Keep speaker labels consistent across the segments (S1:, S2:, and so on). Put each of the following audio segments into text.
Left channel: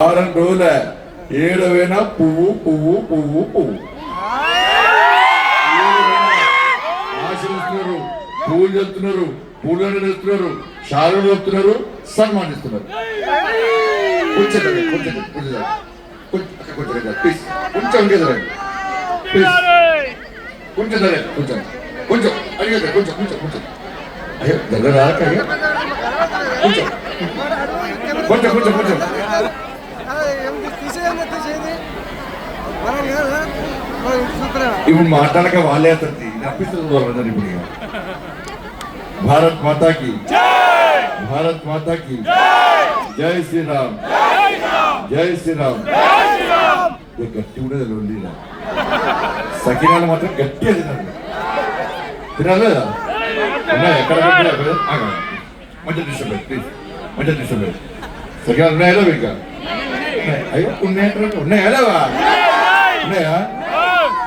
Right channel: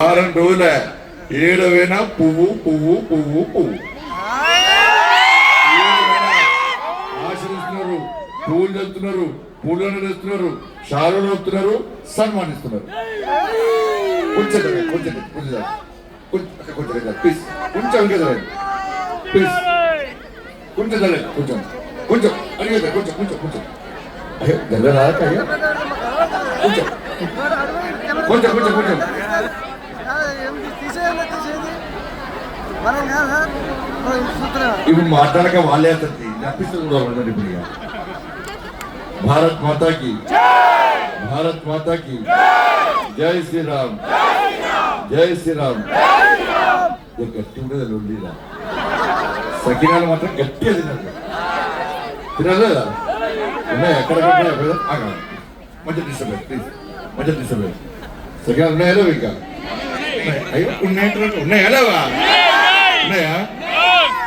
S1: వారం రోజుల ఏడవైనా పువ్వు పువ్వు పువ్వు పువ్వు. ఏడవైనా ఆశలు పూలు చెప్తున్నారు పూలను తెస్తున్నారు షాలు చెప్తున్నారు సన్మానిస్తున్నారు కొంచెం జరగండి, కొంచెం జరగండి, కొంచెం జరగండి. కొంచెం కొంచెం జరగండి, ప్లీజ్ కొంచెం ఇంకా జరగండి. ప్లీజ్ కొంచెం కొంచెం కొంచెం అడిగేది కొంచెం కొంచెం కొంచెం అయ్యో దగ్గర కొంచెం కొంచెం కొంచెం ఇప్పుడు మాట్లాడక వాళ్ళే అతన్ని నప్పిస్తుంది ఇప్పుడు ఇక. భారత్ మాతాకి భారత్ మాతాకి జై శ్రీరామ్ జై శ్రీరామ్ ఇది గట్టి ఉండేది రెండు సకినాలు మాత్రం గట్టిగా తినాలి తినాలి ఉన్నాయి ఎక్కడ ఉన్నాయి ఎక్కడ ఆగా మంచి డిస్టర్బ్ ప్లీజ్ మంచి డిస్టర్బ్ సకినాలు ఉన్నాయా లేవా ఇంకా ఉన్నాయి. అయ్యో ఉన్నాయంటారు ఉన్నాయా లేవా? ఉన్నాయా?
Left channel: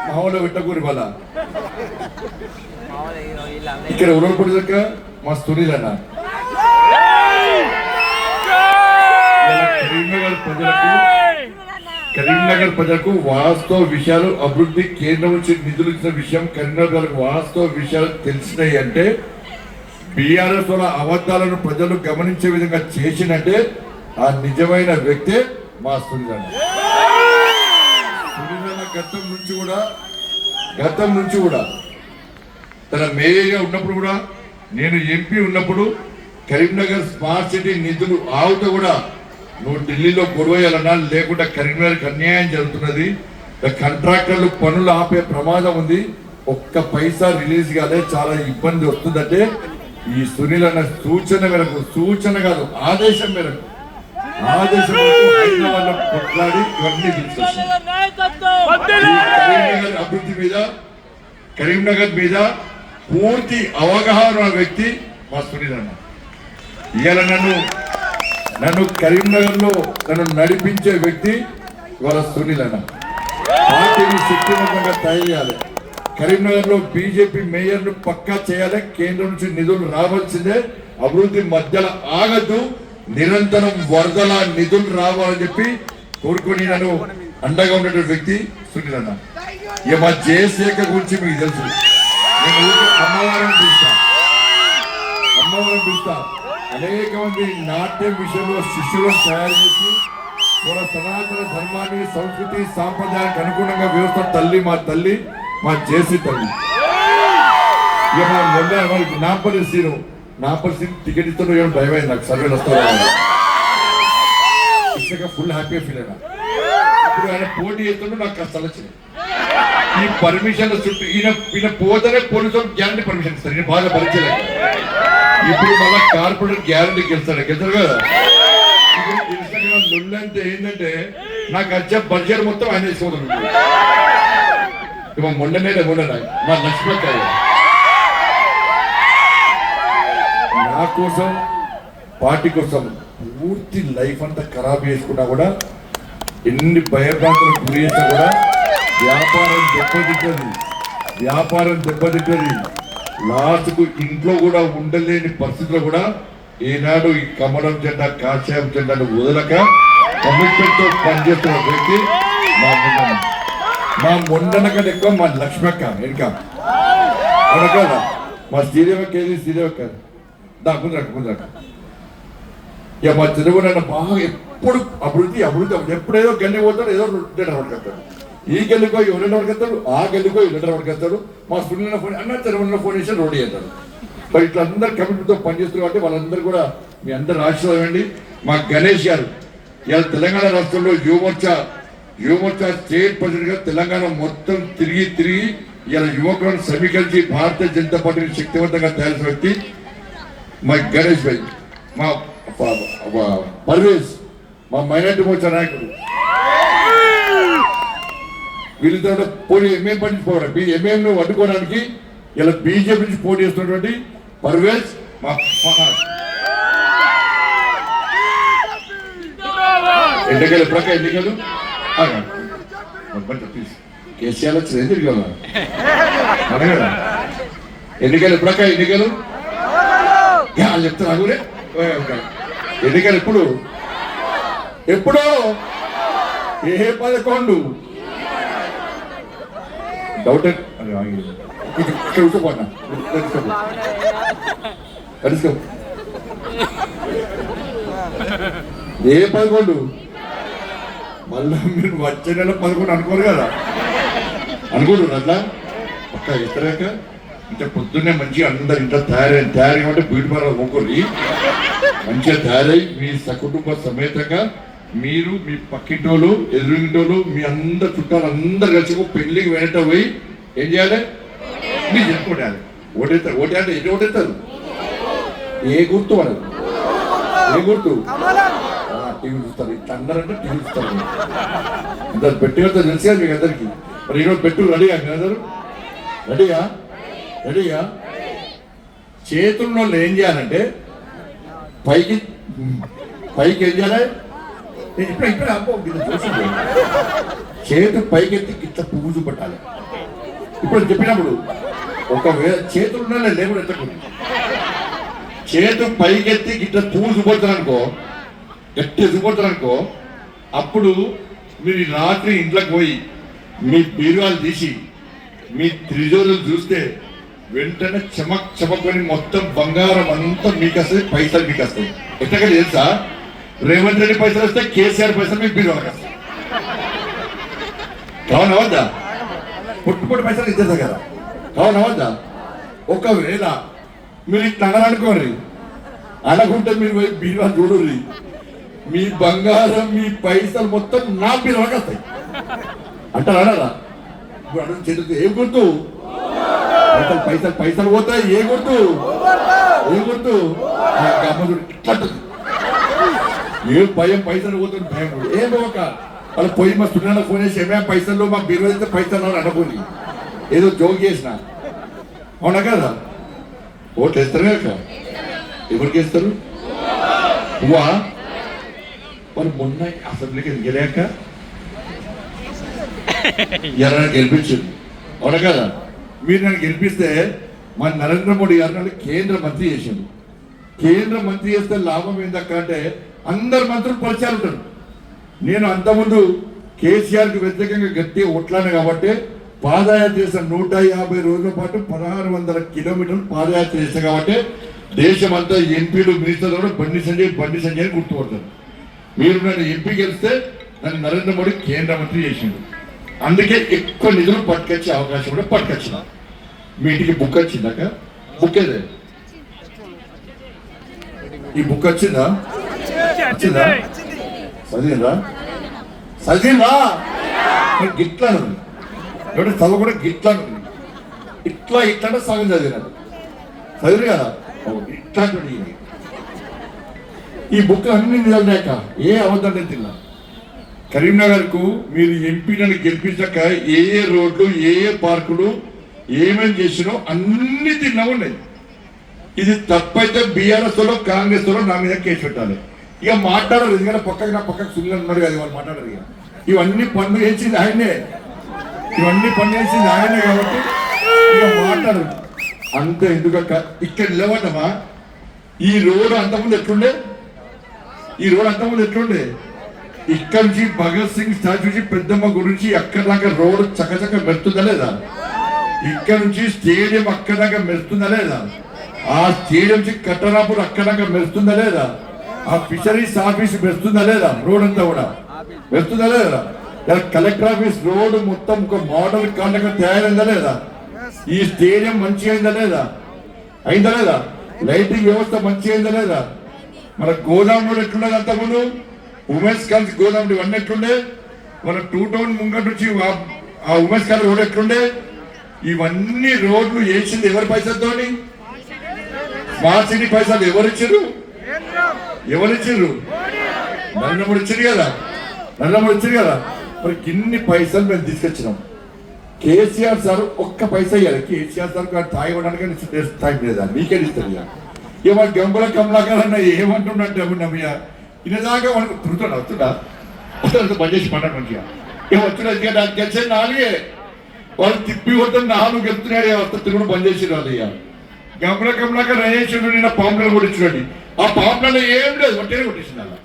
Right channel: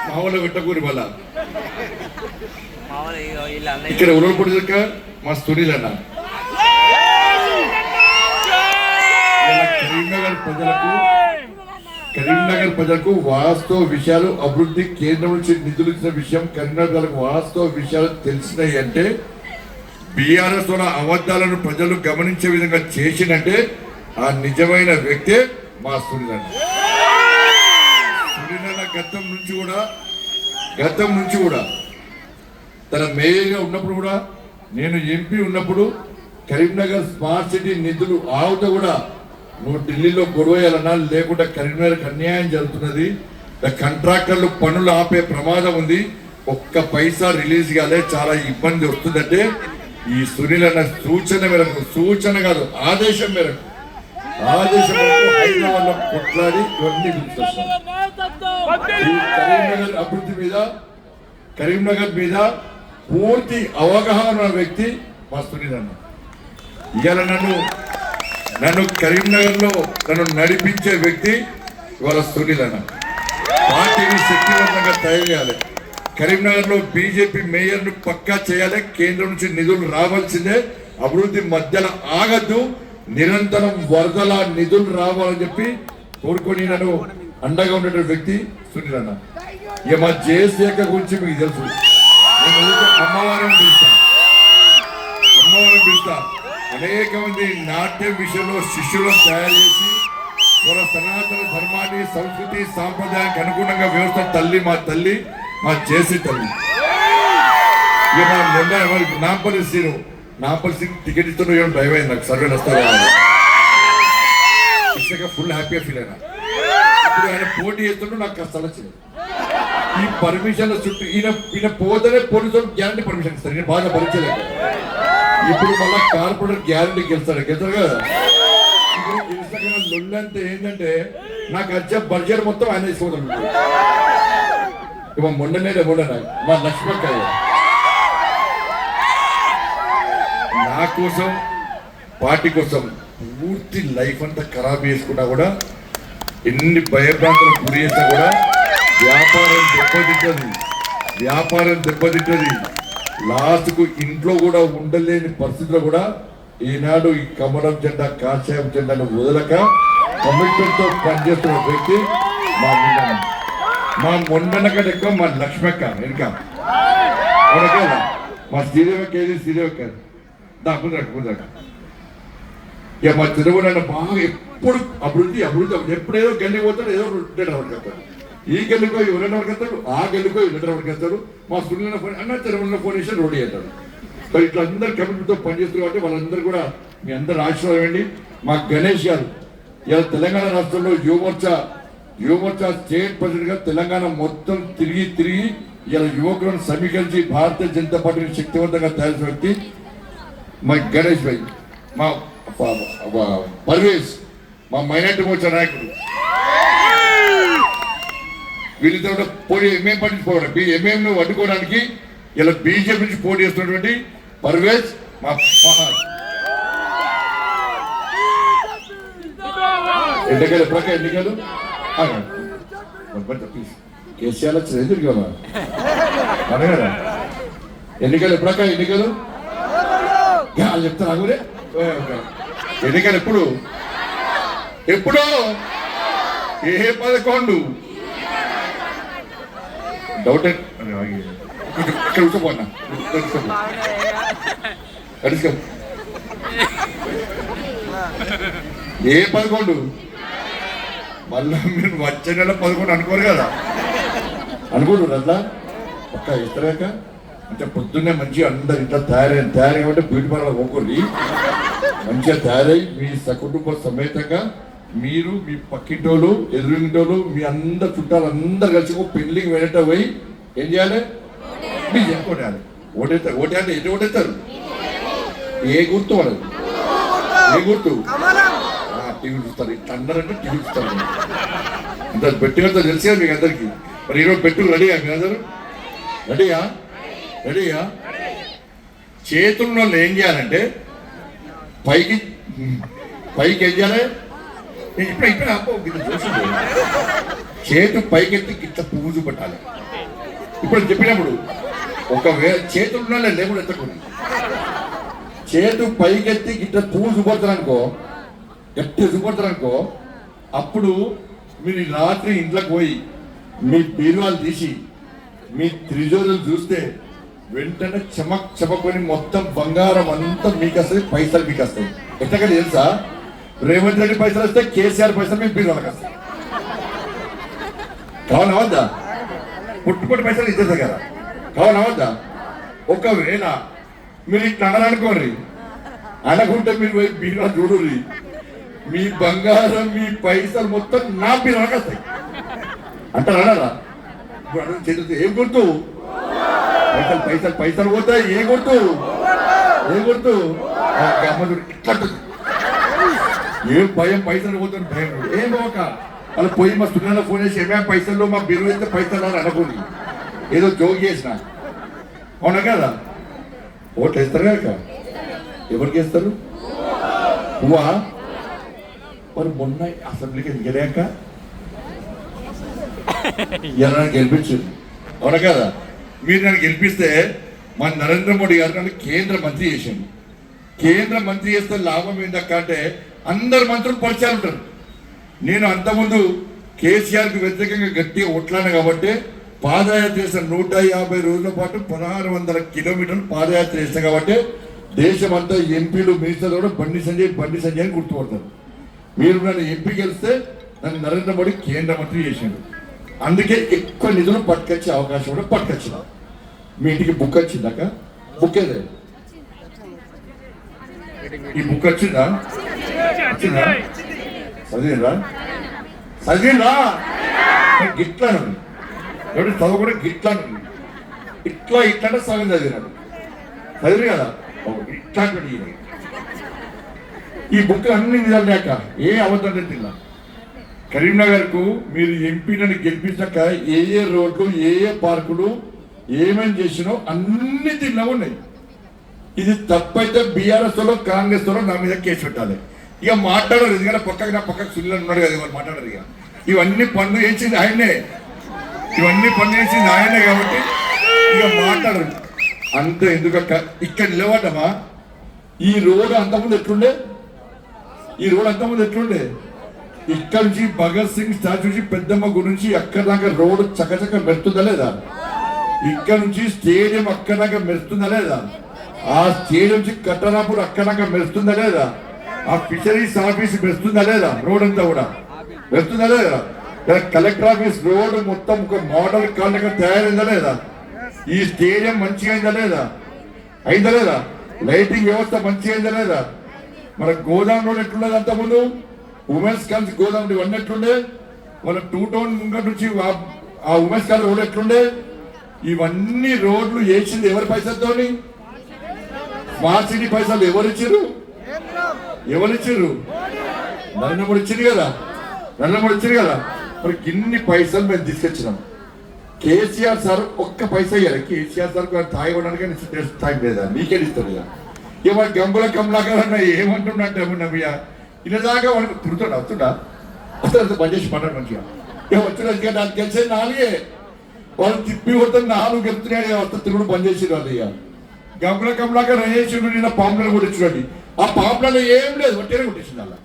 S1: మా ఊళ్ళో పెట్టకూరి వల్ల ఇక్కడ ఉరవపూడి దగ్గర మా సునీల్ అన్న. కరీంనగర్ ప్రజలకు కరీంనగర్ ప్రజలకు వాస్తవ విషయాలు అభివృద్ధి కేంద్రం నుంచి నిధులు ఇచ్చిన విషయం కరీంనగర్ ప్రజలకు వాస్తవ విషయాలు తెలిసినాయి అంటే బీఆర్ఎస్ వల్ల అబద్ధాలను ప్రజలు గమనించే విధంగా చేసినంటే ఆ నిజమైన వ్యక్తే మా సునీల్ సునీలన్న గతం నుంచి కూడా గతం నుంచి కూడా తన మేయర్గా ఉన్నప్పుడు కూడా నేను ఎంపీ ఉన్నప్పుడు కరీంనగర్ స్మార్ట్ సిటీ నిధులు ఆవుతో కూడా నువ్వు ఢిల్లీలో గొడవేయాలన్నా లేకుండా కరీంనగర్కి అన్యాయం జరుగుతున్నది. కాంట్రాక్టర్లు పనులు ఆపే ప్రమాదం ఉంది. ఒక్క పైసా రిలీజ్ కాలే చాలా ఇబ్బంది వస్తుందంటే ఈ సునీల్ అన్న సూచన మేరకు సూచన కాదు ఆదేశం మేరకు ఆదేశం హైదరాబాద్లో కొట్లాడి ఇవన్నీ కరీంనగర్ అభివృద్ధి మీద కరీంనగర్ మీద పూర్తి అవగాహన వ్యక్తి మా సునీలన్న ఇవాళ నన్ను నన్ను కరీంనగర్లో నన్ను నడిపించే వ్యక్తి ఇవాళ సునీలన్న పార్టీని శక్తివంతంగా తయారు చేయాలి. కరీంనగర్లో బీజేపీ మేయర్ను పక్కా చేయాలి. కేంద్రం నుంచి నిధులు రావాల్సిందే. అభివృద్ధి మధ్యలో ఆగద్దు. నిరంతరం వరదల నిధులు రావాలని చెప్పి కోరుకుని నన్ను అండగా ఉన్నటువంటి వ్యక్తి సునీల్ అన్న. ఇక మా జయశేఖర్ గురించి మీకు తెలుసు. నేను అమ్మవారిని పిలుస్తా. అమ్మవారిని పిలుస్తా. అనేక మంది నాట్యం విషయంలో శిష్యులను తయారు చేసి మన సనాతన ధర్మాన్ని సంస్కృతి సాంప్రదాయానికి అనుగుణంగా వ్యవస్థ తల్లి మా తల్లి మా జేసి తల్లి. ఇక మా మొన్న వాళ్ళకి నాంపల్లి నాంపల్లి సీన్ టికెట్ ఇస్తున్న ఏమైనా భయం అయింది నాకు సర్వేలు వస్తారు ఇచ్చగా ఫుల్ హ్యాపీగా ఫీల్ అయినా ఇప్పుడు ఆయన పోటీ చేస్తుంటే నాకు కష్టాలు వచ్చినాయి ఈ పర్మిషన్ చుట్టూ ఈయన ఈయన పోతేనే పోలీసులు గ్యారంటీ పర్మిషన్ ఇస్తారు ఈయన బాగా భరించలేదు ఇప్పుడు మళ్ళా కార్పొరేటర్ గ్యారంటీ గెలుస్తాడు గెలుతారు కదా ఇప్పుడు ఇన్స్టాగ్రామ్ ఏంటంటే నాకు వచ్చే బడ్జెట్ మొత్తం ఆయన తీసుకోగలరు ఇవ్వ మొన్ననే మొన్న మా లక్ష్మీకాయ నా కోసం పార్టీ కోసం పూర్తి లైఫ్ అంతా ఖరాబ్ చేసుకున్నా కూడా ఎన్ని భయభ్రాంతులకు గురి చేసినా కూడా వ్యాపారం దెబ్బతింటుంది. వ్యాపారం దెబ్బతింటుంది. లాస్ట్కు ఇంట్లో కూడా ఉండలేని పరిస్థితిలో కూడా ఈనాడు ఈ కమలం జెండా కాశాయం జెండాను వదలక కమిట్మెంట్తో పనిచేస్తున్న వ్యక్తి మా ముండన మా ముండన కంటే ఎక్కువ మా లక్ష్మక్క వెనుక. మా శ్రీదేవకి ఏది శ్రీదేవక్క దా ముందరట ఇక మా తిరుగునైనా బాగా ఎప్పుడు అభివృద్ధి అభివృద్ధి ఎప్పుడేదో గల్లి పోతాడు ఏదో లీటర్ వరకు ఈ గల్లికో ఎవరైనా వరకు ఆ గల్లికో లీటర్ వరకు మా సునీల ఫోన్ అన్న తిరుగుల ఫోన్ చేసి రోడ్ చేస్తాడు. మరి ఇట్లా అందరు కమిటీతో పనిచేస్తున్నారు కాబట్టి వాళ్ళందరూ కూడా మీ అందరు ఆశీర్వాదం అండి. మా గణేష్ గారు ఇలా తెలంగాణ రాష్ట్రంలో యువమోర్చా యువమోర్చా స్టేట్ ప్రెసిడెంట్గా తెలంగాణ మొత్తం తిరిగి తిరిగి ఇలా యువకులను సమీకరించి భారతీయ జనతా పార్టీని శక్తివంతంగా తయారు వ్యక్తి మా గణేష్ భాయ్ మా పర్వేజ్ మా మైనార్టీ మోర్చా నాయకుడు వీళ్ళిద్దరు పోటీ ఎంఏం పట్టించుకోవడం ఎంఏం అడ్డుకోవడానికి ఇలా బీజేపీ నుంచి పోటీ చేస్తున్నటువంటి పర్వేజ్ మా ఎన్నికలు ఎప్పుడాక ఎన్నికలు? కేసీఆర్ వచ్చింది ఎందుకు కదా? మన ఎన్నికలు ఎప్పుడాక ఎన్నికలు? వాళ్ళు చెప్తారు అగులే ఎన్నికలు ఎప్పుడు ఎప్పుడో? ఏ పదకొండు? డౌట్ ఏ- కొంచెం ఏ పదకొండు? మళ్ళా మీరు వచ్చే నెల పదకొండు అనుకోరు కదా. అనుకోడు అట్లా? ఒక్క ఇస్తలేక? అంటే పొద్దున్నే మంచిగా అందరు ఇంట్లో తయారై తయారీ అంటే బ్యూటీ పార్లర్ మంచిగా తయారై మీ సకుటుంబ సమేతంగా మీరు మీ పక్కింటోళ్ళు ఎదురింటోళ్ళు మీ అందరు చుట్టాలు అందరు కలిసి పెళ్ళికి వెళ్ళటం పోయి ఏం చేయాలి? మీరు చెప్పుకోవాలి ఓటేస్తారు ఓటే అంటే ఎటు ఓటేస్తారు ఏ గుర్తు వాళ్ళు ఏ గుర్తు? టీవీ చూస్తారు. ఇట్లా అందరంటే టీవీ చూస్తారు. ఇంత బెట్టు కదా తెలిసే మీకు అందరికి. మరి ఈరోజు పెట్టు రెడీ అందరూ? రెడీయా? రెడీయా? చేతున్న వాళ్ళు ఏం చేయాలంటే పైకి పైకి ఏం చేయాలి? ఏ, ఇప్పుడే ఇప్పుడే అబ్బో చూసింది చేతు పైకెత్తి ఇట్లా పూజు పట్టాలి ఇప్పుడు చెప్పినప్పుడు ఒకవేళ చేతులు లేకుండా ఎత్తకూడదు. చేతు పైకెత్తి ఇట్లా పువ్వు చూపెడతారు అనుకో గట్టి అనుకో అప్పుడు మీరు రాత్రి ఇంట్లోకి పోయి మీ బీరువాలు తీసి మీ త్రిజోరులు చూస్తే వెంటనే చెమక్ చెమకొని మొత్తం బంగారం అంతా మీకు వస్తుంది పైసలు మీకు వస్తాయి ఎట్టగా తెలుసా? రేవంత్ రెడ్డి పైసలు వస్తే కేసీఆర్ పైసలు మీకు బీరువాలకు వస్తాయి. కావున వద్దా? పైసలు ఇచ్చేస్తారు కదా. కావునవద్దా ఒకవేళ మీరు ఇట్లా అననుకోండి అనకుంటే మీరు బీరువా చూడుర్రి. మీ బంగారం మీ పైసలు మొత్తం నా బీరువాకి వస్తాయి. అంటారా అనరా? ఇప్పుడు అడుగు ఏం గుర్తు? పైసలు పైసలు పైసలు పోతాయి ఏ గుర్తు? ఏ గుర్తు? అమ్మ ఇట్లా. ఏం భయం పైసలు పోతుంది భయం ఏం పోక? వాళ్ళు పోయి మా సున్నా ఫోన్ చేసి ఏమేమి పైసలు మా బీరువా అయితే పైసలు అని అనుకోని ఏదో జోక్ చేసిన. అవునా కదా? ఓట్లు వేస్తారు కదా ఎవరికి వేస్తారు? నువ్వా? మరి మొన్న అసెంబ్లీకి గెలాక ఎర్ర గెలిపించారు అవునా కదా? మీరు నన్ను గెలిపిస్తే మన నరేంద్ర మోడీ గారు నన్ను కేంద్ర మంత్రి చేసిండు. కేంద్ర మంత్రి చేస్తే లాభం ఏంటక్క అంటే అందరు మంత్రులు పరిచయాలు ఉంటారు. నేను అంతకుముందు కేసీఆర్కి వ్యతిరేకంగా గట్టిగా కొట్లాను కాబట్టి పాదయాత్ర చేసిన నూట యాభై రోజుల పాటు పదహారు వందల కిలోమీటర్లు పాదయాత్ర చేస్తాను కాబట్టి దేశమంతా ఎంపీలు మినిస్టర్లు కూడా బండి సంజయ్ బండి సంజయ్ అని గుర్తుపడతారు. మీరు నన్ను ఎంపీ గెలిస్తే నన్ను నరేంద్ర మోడీ కేంద్ర మంత్రి చేసిండు. అందుకే ఎక్కువ నిధులు పట్టుకొచ్చే అవకాశం కూడా పట్టుకొచ్చిన మీ ఇంటికి బుక్ వచ్చిందాక బుక్ ఏదే? ఈ బుక్ వచ్చిందా? వచ్చిందా? చదివిందా? చదివిందా? మరి గిట్లాను ఎవరు చదువు కూడా గిట్లాను ఇట్లా ఇట్లా అంటే సగం చదివినాడు. చదివి కదా? ఇట్లా ఈ బుక్ అన్ని నిజాక ఏ అబద్ధం తిన్నా కరీంనగర్కు మీరు ఎంపీలను గెలిపించాక ఏ ఏ రోడ్లు ఏ ఏ పార్కులు ఏమేమి చేసినో అన్ని తిన్నా ఉన్నాయి. ఇది తప్పైతే బీఆర్ఎస్లో కాంగ్రెస్లో కాంగ్రెస్ నా మీద కేసు పెట్టాలి. ఇక మాట్లాడరు ఎందుకంటే పక్కకి నా పక్కకు సుల్లు ఉన్నాడు కదా వాళ్ళు మాట్లాడరు ఇక. ఇవన్నీ పనులు చేసింది ఆయనే. ఇవన్నీ పనులు చేసింది ఆయనే కాబట్టి ఇక మాట్లాడరు. అంతే ఎందుకక్క? ఇక్కడ నిలబడ్డమా? ఈ రోడ్ అంతకుముందు ఎట్లుండే? ఈ రోడ్ అంతకుముందు ఎట్లుండే? ఇక్కడి నుంచి భగత్ సింగ్ స్టాచ్యూ నుంచి పెద్దమ్మ గురించి అక్కడ దాకా రోడ్ చక్కచక్క మెరుతుందా లేదా? ఇక్కడ నుంచి స్టేడియం అక్కడ దాకా మెరుస్తుందా లేదా? ఆ స్టేడియం నుంచి కట్టనాపూర్ అక్కడ దాకా మెరుస్తుందా లేదా? ఆ ఫిషరీస్ ఆఫీస్ మెరుస్తుందా లేదా? రోడ్ అంతా కూడా. మెరుస్తుందా లేదా? కలెక్టర్ ఆఫీస్ రోడ్ మొత్తం ఒక మోడల్ కాండగా తయారైందా లేదా? ఈ స్టేడియం మంచిగా అయిందా లేదా? అయిందా లేదా? లైటింగ్ వ్యవస్థ మంచిగా అయిందా లేదా? మన గోదాం రోడ్ ఎట్లున్నది అంతకుముందు? ఉమెన్స్ కాలేజ్ గోదాం రోడ్ ఇవన్నీ ఎట్లుండే మన టూ టౌన్ ముంగట్ నుంచి ఆ- ఉమెన్స్ కాలేజ్ రోడ్ ఎట్లుండే ఇవన్నీ రోడ్లు వేసింది ఎవరి పైసలతోని? స్మార్ట్ సిటీ పైసలు ఎవరు ఇచ్చిర్రు
S2: కేంద్రం
S1: ఎవరు ఇచ్చారు నరేంద్ర కదా? నరేంద్ర మోడీ కదా? మరి ఇన్ని పైసలు మేము తీసుకొచ్చినాం. కేసీఆర్ సార్ ఒక్క పైసా ఇవ్వాలి కేసీఆర్ సార్ తాగి ఇవ్వడానికి టైం లేదా? మీకే ఇస్తారు ఇక. ఇక మన గంగుల కమలాకర్ అన్న ఏమంటున్నట్టు ఏమన్నా ఇన్నదాకా మనకు తిరుగుతున్నా వస్తుందా వస్తుంది బంద్ చేసి పడ్డాడు మంచిగా. ఇక వచ్చిన నాకు గెలిచే నాలుగే. వాళ్ళు తిప్పి కొట్టిన నాలుగు గెలుతున్నాడు వస్తా తిరుగుడు బంద్ చేసి రాదు ఇక గంగుల కమలాకర్ రేసిండు నిన్న పాంపులను కొట్టించినట్టు ఆ పాంపులలో ఏం లేదు ఒట్టేనే కొట్టేసింది అలా.